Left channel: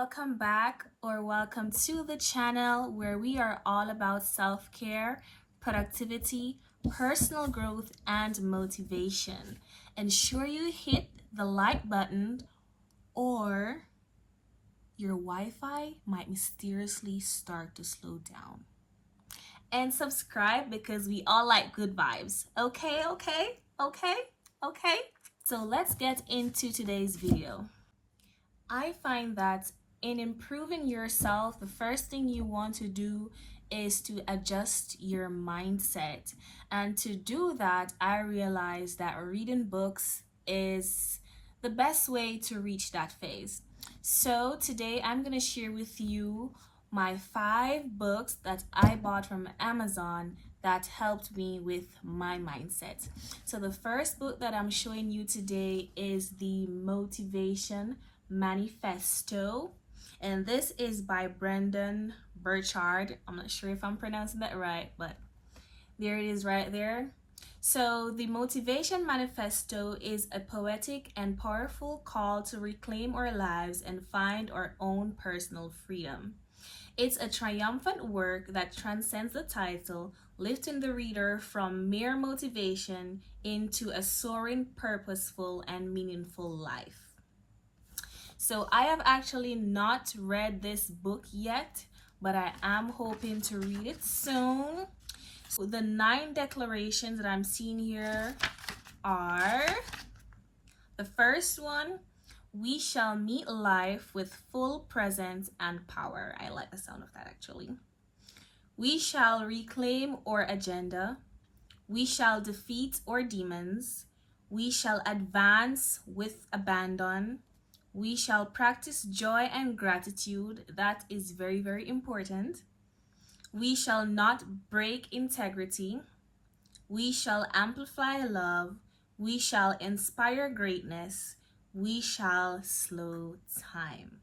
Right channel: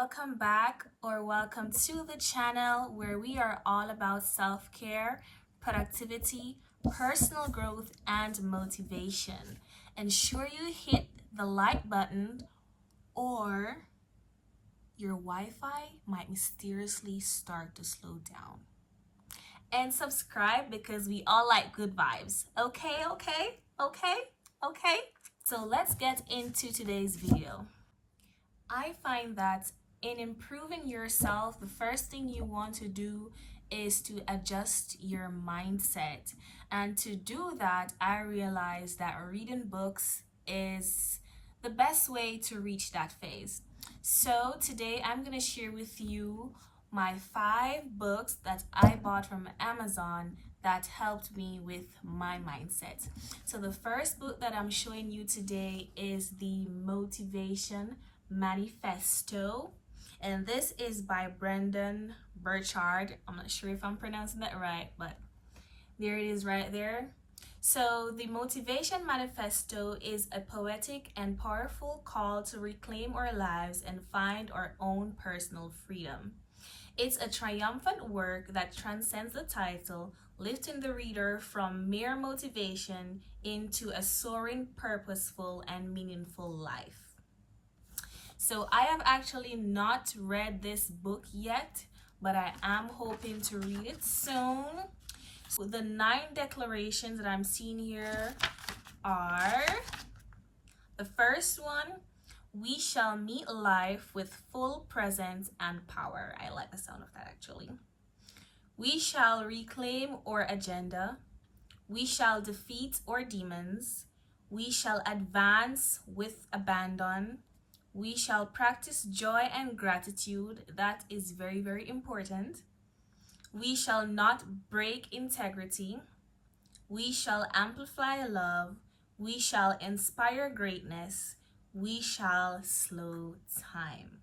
welcome back or welcome to the channel where we are all about self-care, productivity, personal growth, and motivation. Ensure you hit the like button or your Wi-Fi might mysteriously start to slow down. And subscribe because we all like good vibes. Okay. So let's get into today's video. I find that in improving yourself, the first thing you want to do is to adjust your mindset. And to do that, I realized that reading books is the best way to reach that phase. So today I'm going to share with you my 5 books that I bought from Amazon that helped me with my mindset. So the first book that I'm showing you today is the Motivation Manifesto, and this is by Brendon Burchard. I'm not sure if I'm pronouncing that right, but there it is right there. So the Motivation Manifesto is a poetic and powerful call to reclaim our lives and find our own personal freedom. It's a triumphant work that transcends the title, lifting the reader from mere motivation into a soaring, purposeful, and meaningful life. So I have actually not read this book yet, but I am hoping to read it soon. So the 9 declarations that I'm seeing here are: the first one, we shall meet life with full presence and power. I like the sound of that actually. We shall reclaim our agenda. We shall defeat our demons. We shall advance with abandon. We shall practice joy and gratitude. That is very, very important. We shall not break integrity. We shall amplify love. We shall inspire greatness. We shall slow time.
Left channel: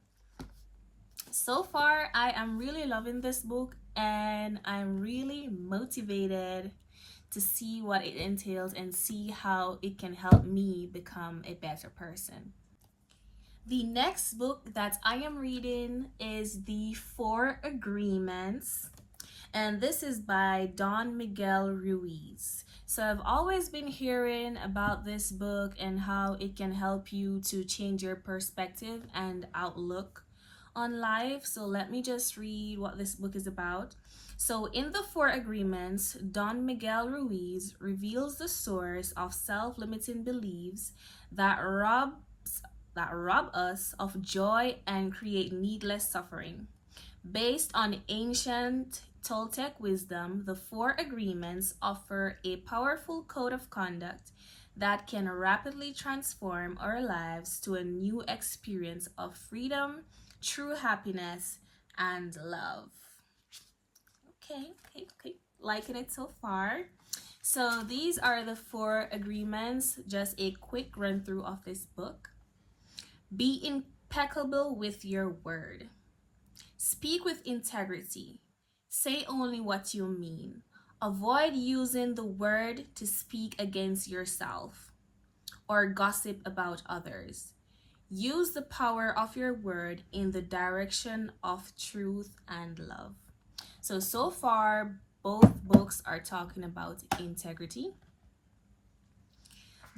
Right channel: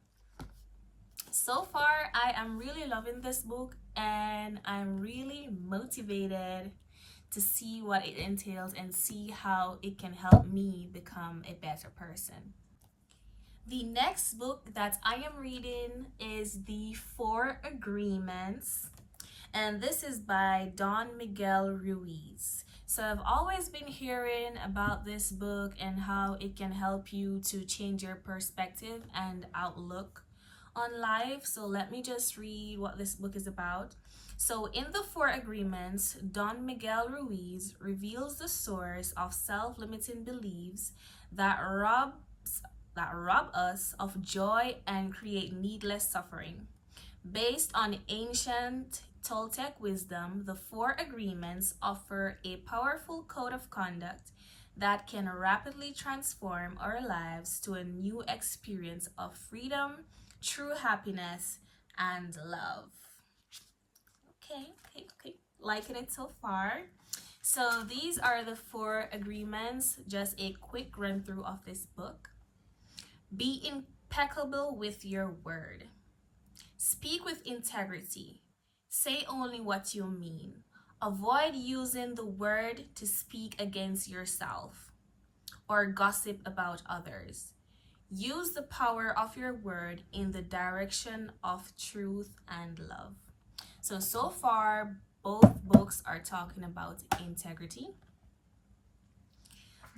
So far, I am really loving this book and I'm really motivated to see what it entails and see how it can help me become a better person. The next book that I am reading is The 4 Agreements, and this is by Don Miguel Ruiz. So I've always been hearing about this book and how it can help you to change your perspective and outlook on life. So let me just read what this book is about. So in The 4 Agreements, Don Miguel Ruiz reveals the source of self-limiting beliefs that rob us of joy and create needless suffering. Based on ancient Toltec wisdom, the 4 Agreements offer a powerful code of conduct that can rapidly transform our lives to a new experience of freedom, true happiness, and love. Okay. Liking it so far. So these are the 4 agreements, just a quick run through of this book. Be impeccable with your word. Speak with integrity. Say only what you mean. Avoid using the word to speak against yourself or gossip about others. Use the power of your word in the direction of truth and love. So far, both books are talking about integrity.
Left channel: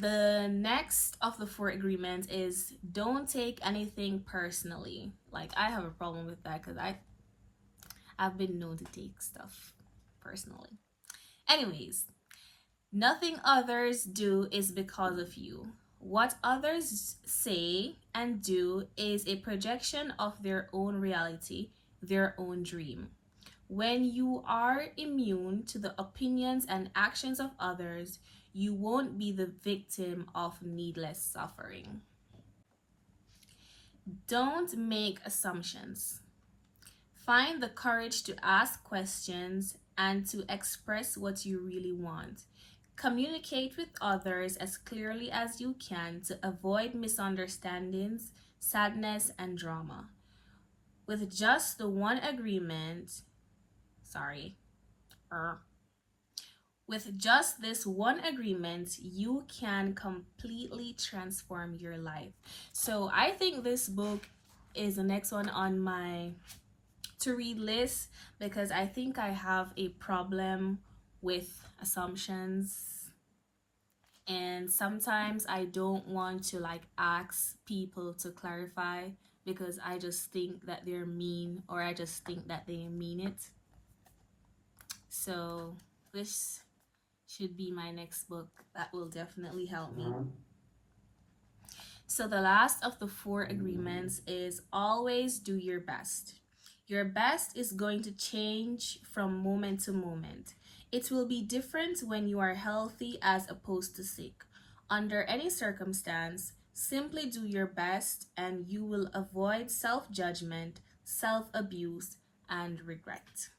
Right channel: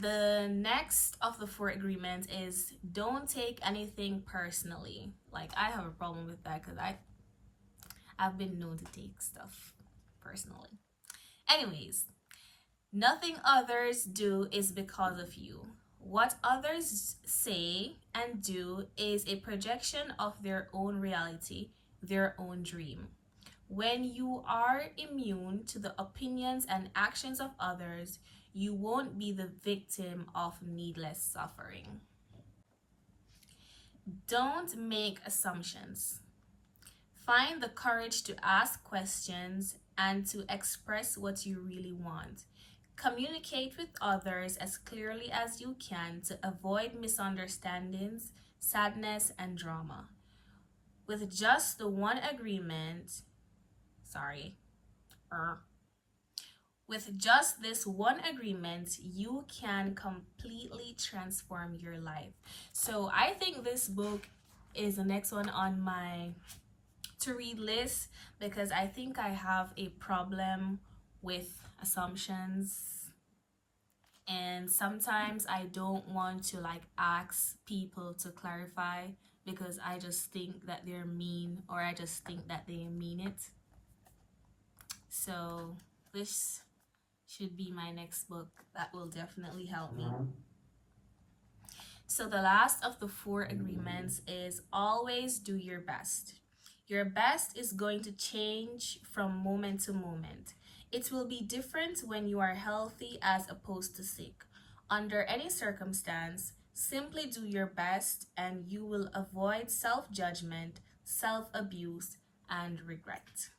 The next of the 4 agreements is don't take anything personally. Like, I have a problem with that because I've been known to take stuff personally. Anyways, nothing others do is because of you. What others say and do is a projection of their own reality, their own dream. When you are immune to the opinions and actions of others, you won't be the victim of needless suffering. Don't make assumptions. Find the courage to ask questions and to express what you really want. Communicate with others as clearly as you can to avoid misunderstandings, sadness, and drama. With just the one agreement, with just this one agreement, you can completely transform your life. So I think this book is the next one on my to read list, because I think I have a problem with assumptions, and sometimes I don't want to like ask people to clarify because I just think that they're mean, or I just think that they mean it. So this should be my next book that will definitely help me. So the last of the 4 agreements is always do your best. Your best is going to change from moment to moment. It will be different when you are healthy as opposed to sick. Under any circumstance, simply do your best and you will avoid self-judgment, self-abuse, and regret.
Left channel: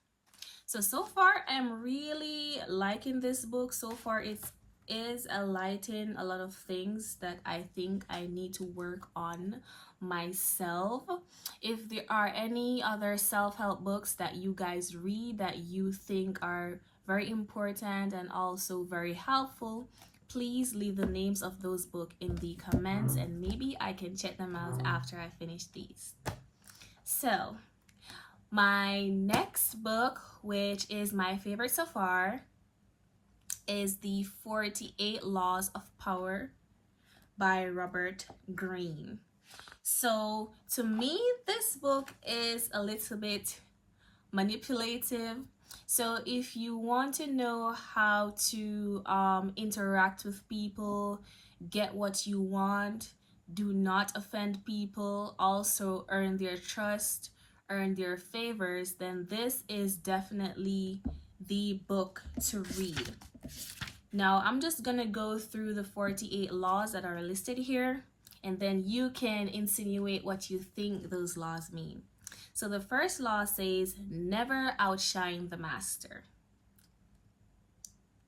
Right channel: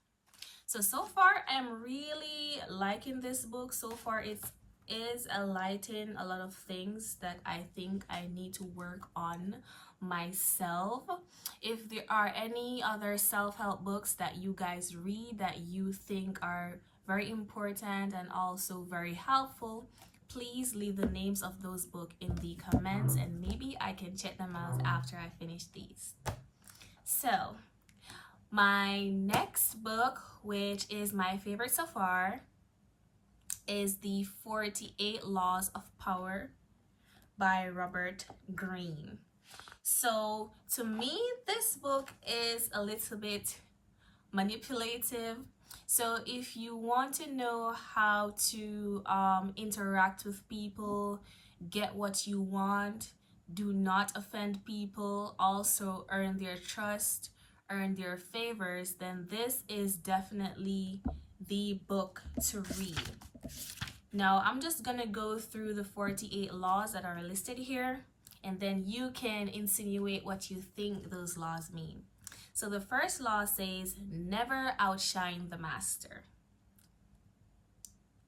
So far I'm really liking this book. So far it is enlightening a lot of things that I think I need to work on myself. If there are any other self-help books that you guys read that you think are very important and also very helpful, please leave the names of those books in the comments and maybe I can check them out after I finish these. So my next book, which is my favorite so far, is The 48 Laws of Power by Robert Greene. So to me, this book is a little bit manipulative. So if you want to know how to interact with people, get what you want, do not offend people, also earn their trust, earn their favors, then this is definitely the book to read. Now I'm just gonna go through the 48 laws that are listed here, and then you can insinuate what you think those laws mean. So the first law says never outshine the master.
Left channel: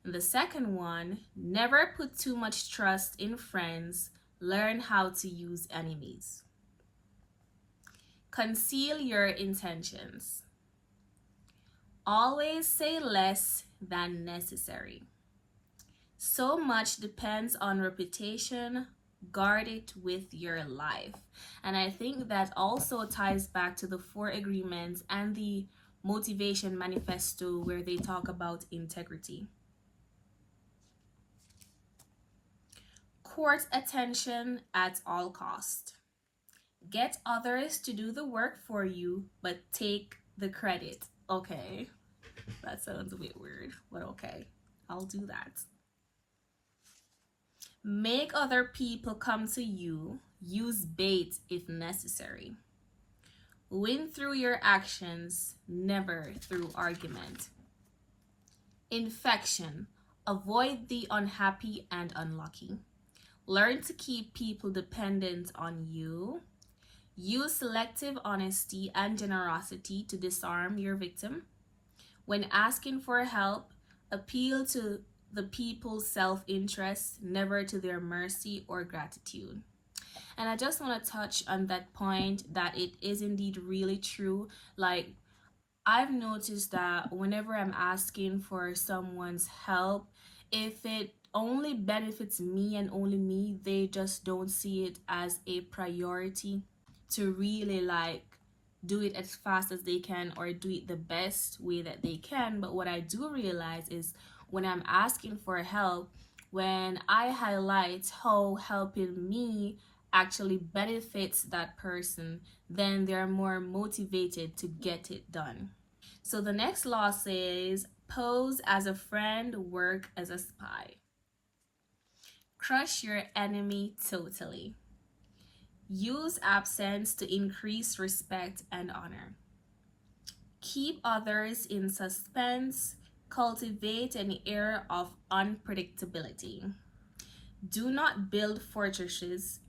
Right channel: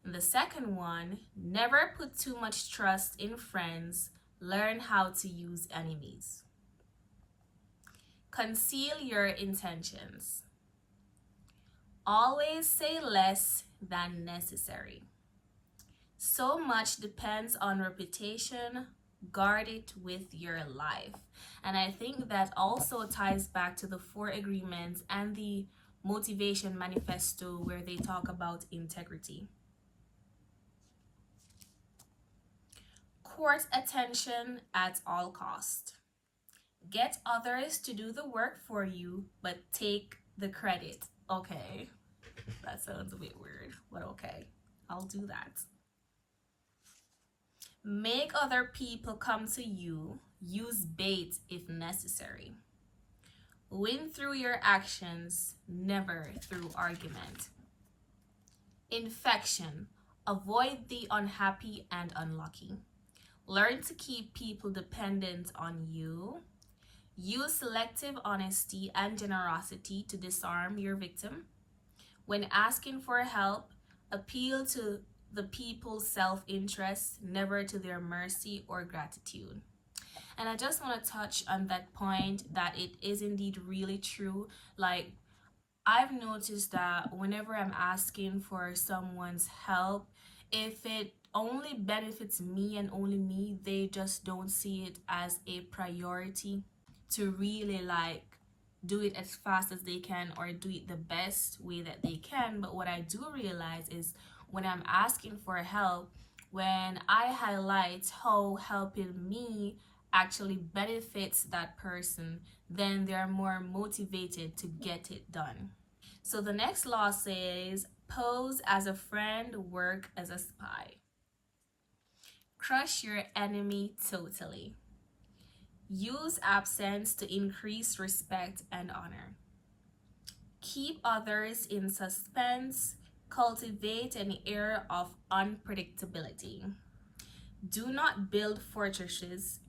And the second one, never put too much trust in friends, learn how to use enemies. Conceal your intentions. Always say less than necessary. So much depends on reputation. Guard it with your life. And I think that also ties back to the 4 agreements and the motivation manifesto, where they talk about integrity. Court attention at all cost. Get others to do the work for you, but take the credit. Okay, that sounds a bit weird, but okay, I'll do that. Make other people come to you. Use bait if necessary. Win through your actions, never through argument. Infection. Avoid the unhappy and unlucky. Learn to keep people dependent on you. Use selective honesty and generosity to disarm your victim. When asking for help, appeal to the people's self-interest, never to their mercy or gratitude. And I just want to touch on that point, that it is indeed really true. Like, I've noticed that whenever I'm asking for someone's help, if it only benefits me and only me, they just don't see it as a priority to really like do it as fast as they can or do it the best way that they can. But what I do realize is when I'm asking for help, when I highlight how helping me actually benefits that person, then they're more motivated to get it done. So the next law says, pose as a friend, work as a spy. Crush your enemy totally. Use absence to increase respect and honor. Keep others in suspense. Cultivate an air of unpredictability. Do not build fortresses.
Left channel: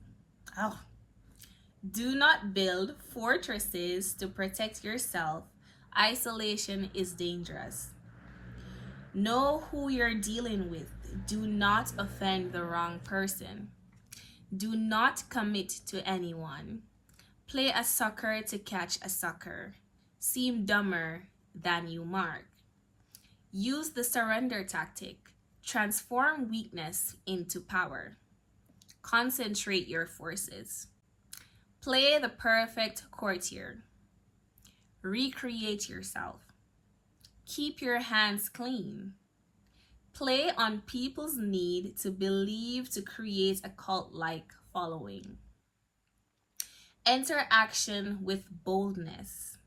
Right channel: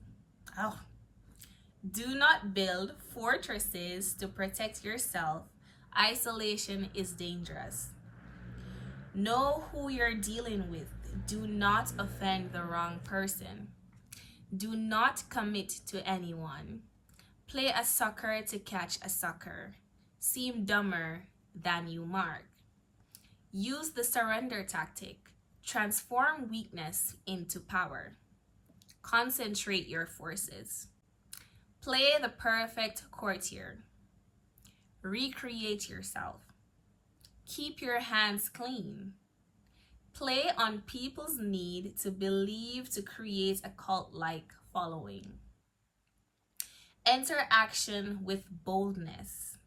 Do not build fortresses to protect yourself. Isolation is dangerous. Know who you're dealing with. Do not offend the wrong person. Do not commit to anyone. Play a sucker to catch a sucker. Seem dumber than you mark. Use the surrender tactic. Transform weakness into power. Concentrate your forces. Play the perfect courtier. Recreate yourself. Keep your hands clean. Play on people's need to believe to create a cult-like following. Enter action with boldness.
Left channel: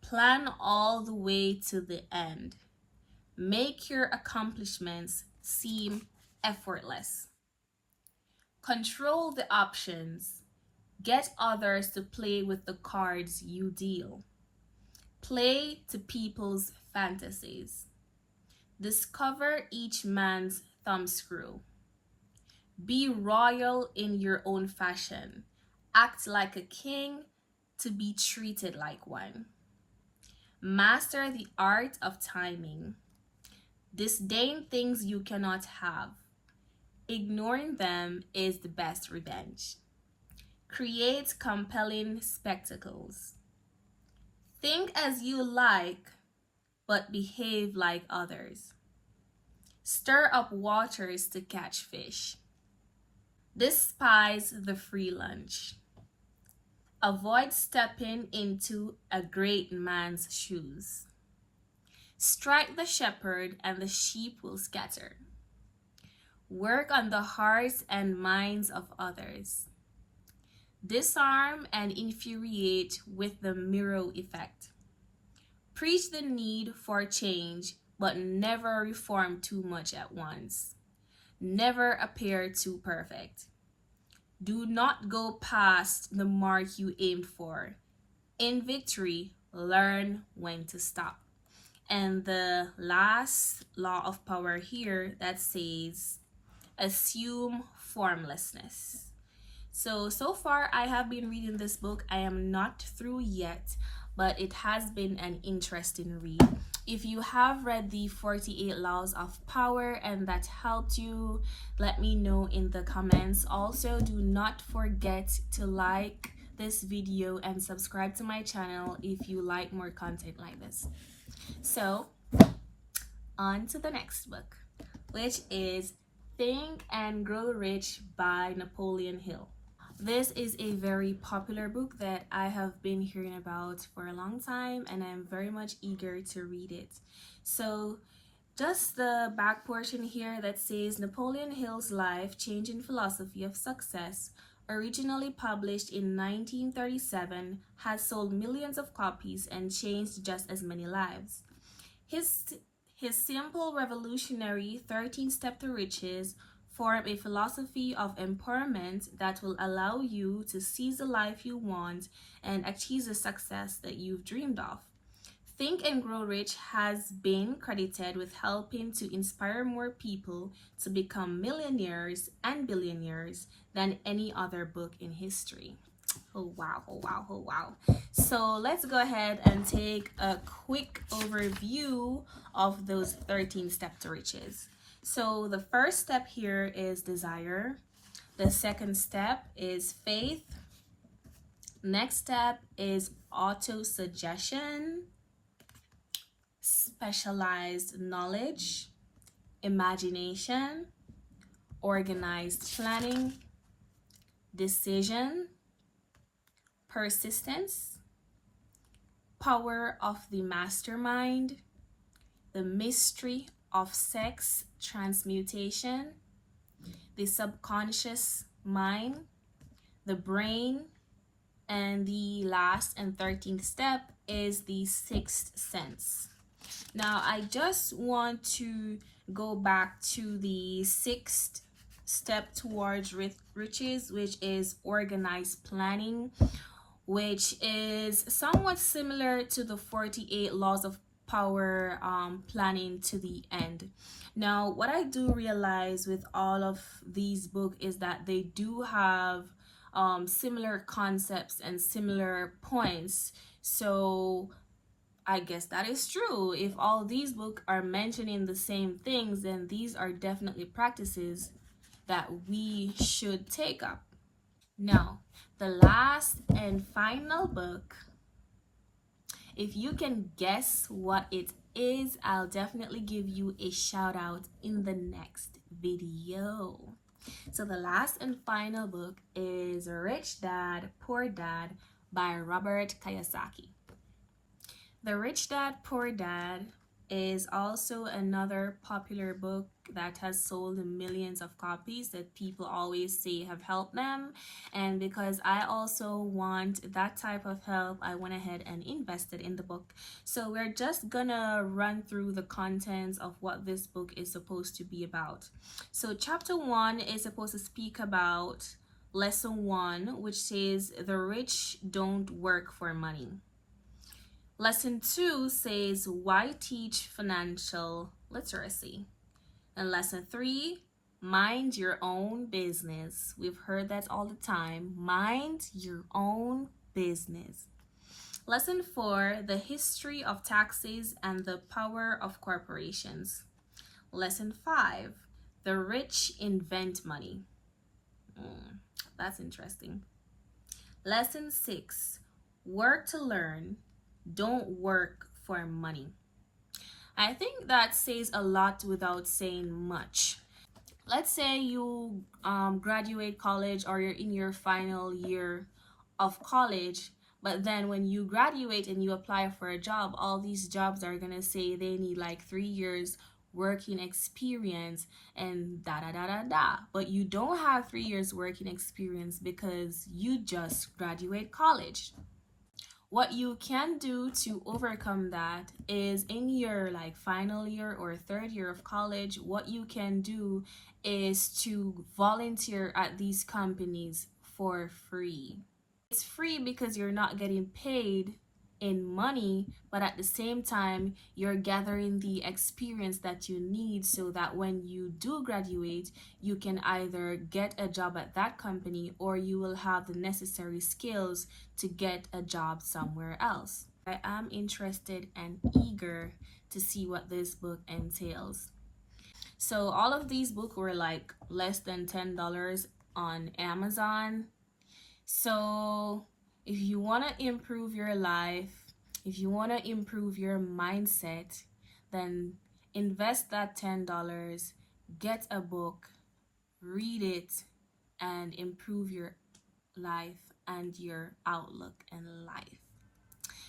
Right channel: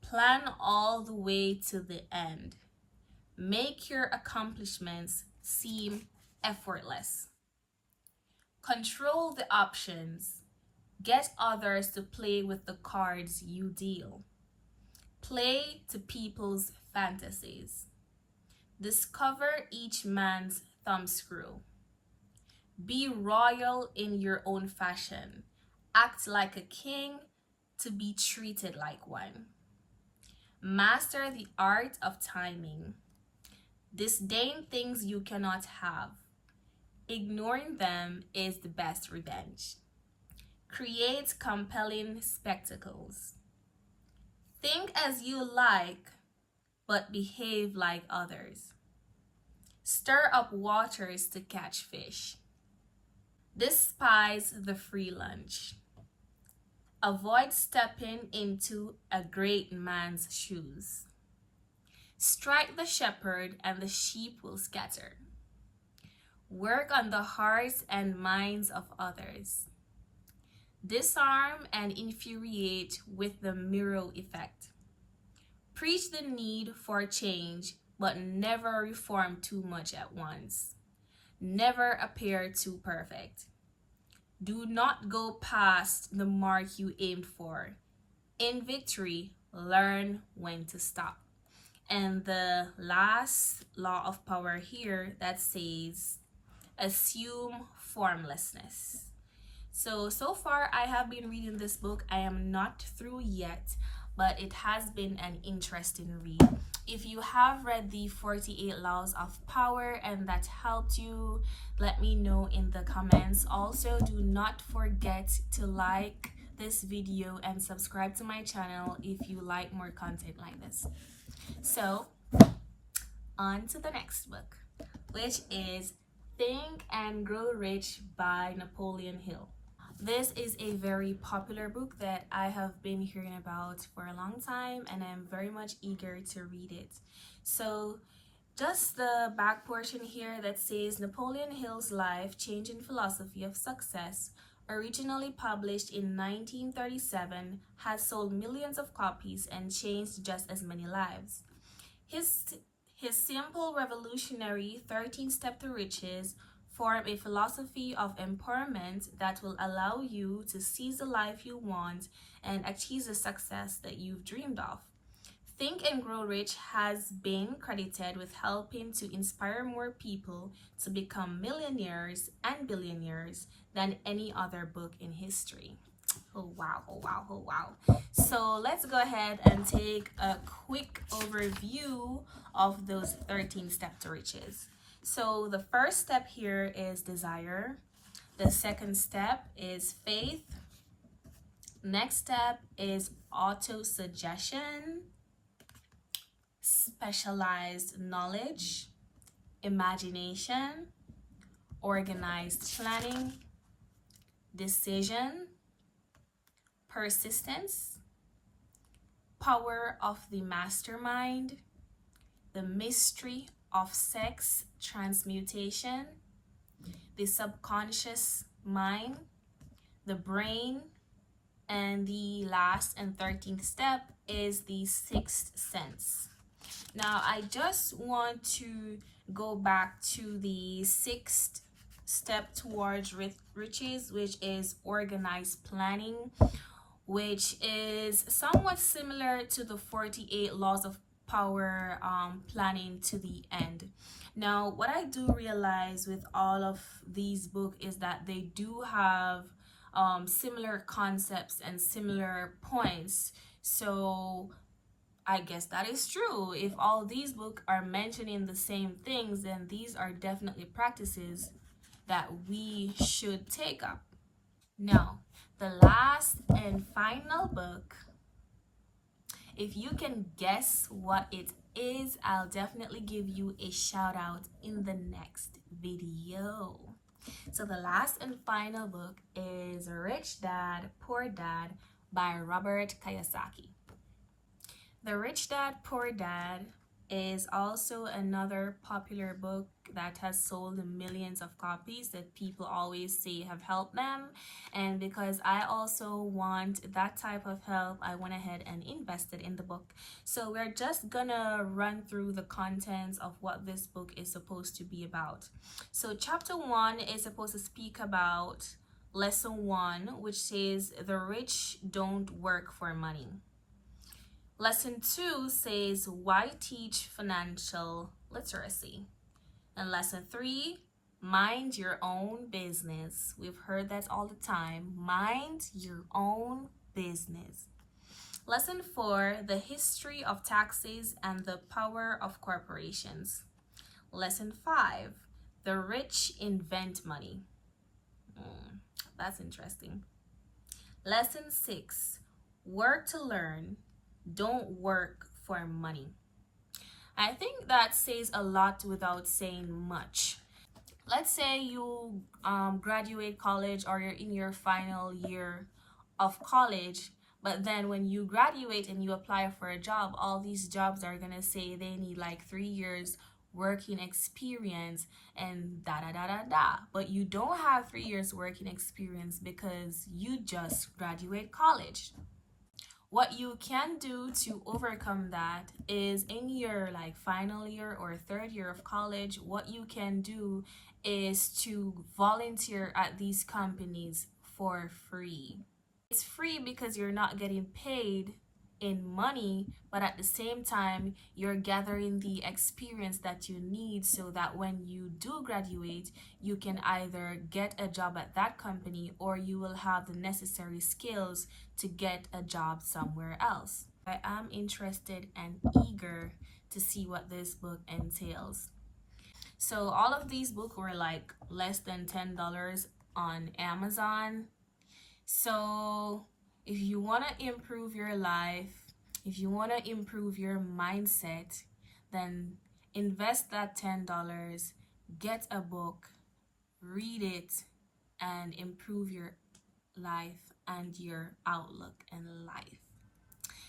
Plan all the way to the end. Make your accomplishments seem effortless. Control the options. Get others to play with the cards you deal. Play to people's fantasies. Discover each man's thumbscrew. Be royal in your own fashion. Act like a king to be treated like one. Master the art of timing. Disdain things you cannot have. Ignoring them is the best revenge. Create compelling spectacles. Think as you like, but behave like others. Stir up waters to catch fish. Despise the free lunch. Avoid stepping into a great man's shoes. Strike the shepherd and the sheep will scatter. Work on the hearts and minds of others. Disarm and infuriate with the mirror effect. Preach the need for change, but never reform too much at once. Never appear too perfect. Do not go past the mark you aimed for. In victory, learn when to stop. And the last law of power here that says, assume formlessness. So far I have been reading this book. I am not through yet, but it has been an interesting read. If you have read the 48 Laws of Power and that helped you, let me know in the comments. Also, do not forget to like this video and subscribe to my channel if you like more content like this. So, on to the next book, which is Think and Grow Rich by Napoleon Hill. This is a very popular book that I have been hearing about for a long time, and I'm very much eager to read it. So just the back portion here that says Napoleon Hill's life-changing philosophy of success, originally published in 1937, has sold millions of copies and changed just as many lives. His simple revolutionary 13 Step to Riches form a philosophy of empowerment that will allow you to seize the life you want and achieve the success that you've dreamed of. Think and Grow Rich has been credited with helping to inspire more people to become millionaires and billionaires than any other book in history. Oh wow, oh wow, oh wow. So let's go ahead and take a quick overview of those 13 Steps to Riches. So the first step here is desire. The second step is faith. Next step is auto-suggestion, specialized knowledge, imagination, organized planning, decision, persistence, power of the mastermind, the mystery of sex transmutation, the subconscious mind, the brain, and the last and 13th step is the sixth sense. Now I just want to go back to the sixth step towards riches, which is organized planning, which is somewhat similar to the 48 Laws of Power, planning to the end. Now what I do realize with all of these books is that they do have similar concepts and similar points. So I guess that is true. If all these books are mentioning the same things, then these are definitely practices that we should take up. Now, the last and final book, if you can guess what it is, I'll definitely give you a shout out in the next video. So the last and final book is Rich Dad, Poor Dad by Robert Kiyosaki. The Rich Dad, Poor Dad is also another popular book that has sold millions of copies that people always say have helped them. And because I also want that type of help, I went ahead and invested in the book. So we're just gonna run through the contents of what this book is supposed to be about. So chapter 1 is supposed to speak about lesson 1, which says the rich don't work for money. Lesson 2 says why teach financial literacy. And lesson 3, mind your own business. We've heard that all the time. Mind your own business. Lesson 4, the history of taxes and the power of corporations. Lesson 5, the rich invent money. That's interesting. Lesson 6, work to learn. Don't work for money. I think that says a lot without saying much. Let's say you graduate college or you're in your final year of college, but then when you graduate and you apply for a job, all these jobs are gonna say they need like 3 years working experience and da da da da da. But you don't have 3 years working experience because you just graduate college. What you can do to overcome that is in your like final year or third year of college, what you can do is to volunteer at these companies for free. It's free because you're not getting paid in money, but at the same time you're gathering the experience that you need so that when you do graduate you can either get a job at that company or you will have the necessary skills to get a job somewhere else. I am interested and eager to see what this book entails. So all of these books were like less than $10 on Amazon. So if you want to improve your life, if you want to improve your mindset, then invest that $10, get a book, read it, and improve your life and your outlook in life.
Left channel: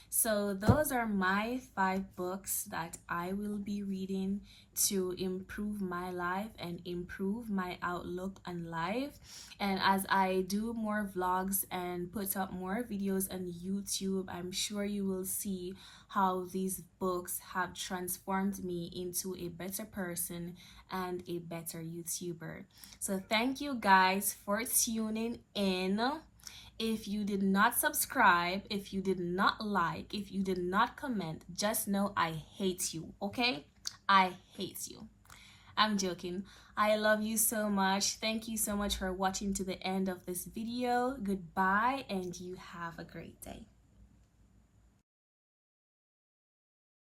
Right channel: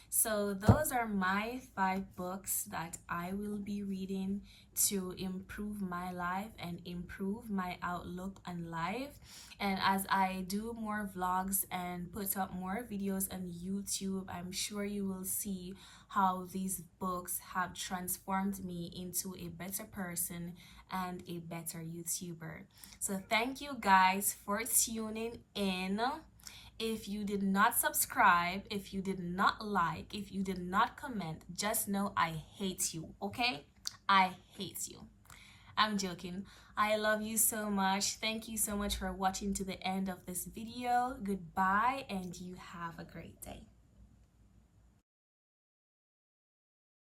So those are my 5 books that I will be reading to improve my life and improve my outlook on life. And as I do more vlogs and put up more videos on YouTube, I'm sure you will see how these books have transformed me into a better person and a better YouTuber. So thank you guys for tuning in. If you did not subscribe, if you did not like, if you did not comment, just know I hate you, okay? I hate you. I'm joking. I love you so much. Thank you so much for watching to the end of this video. Goodbye, and you have a great day.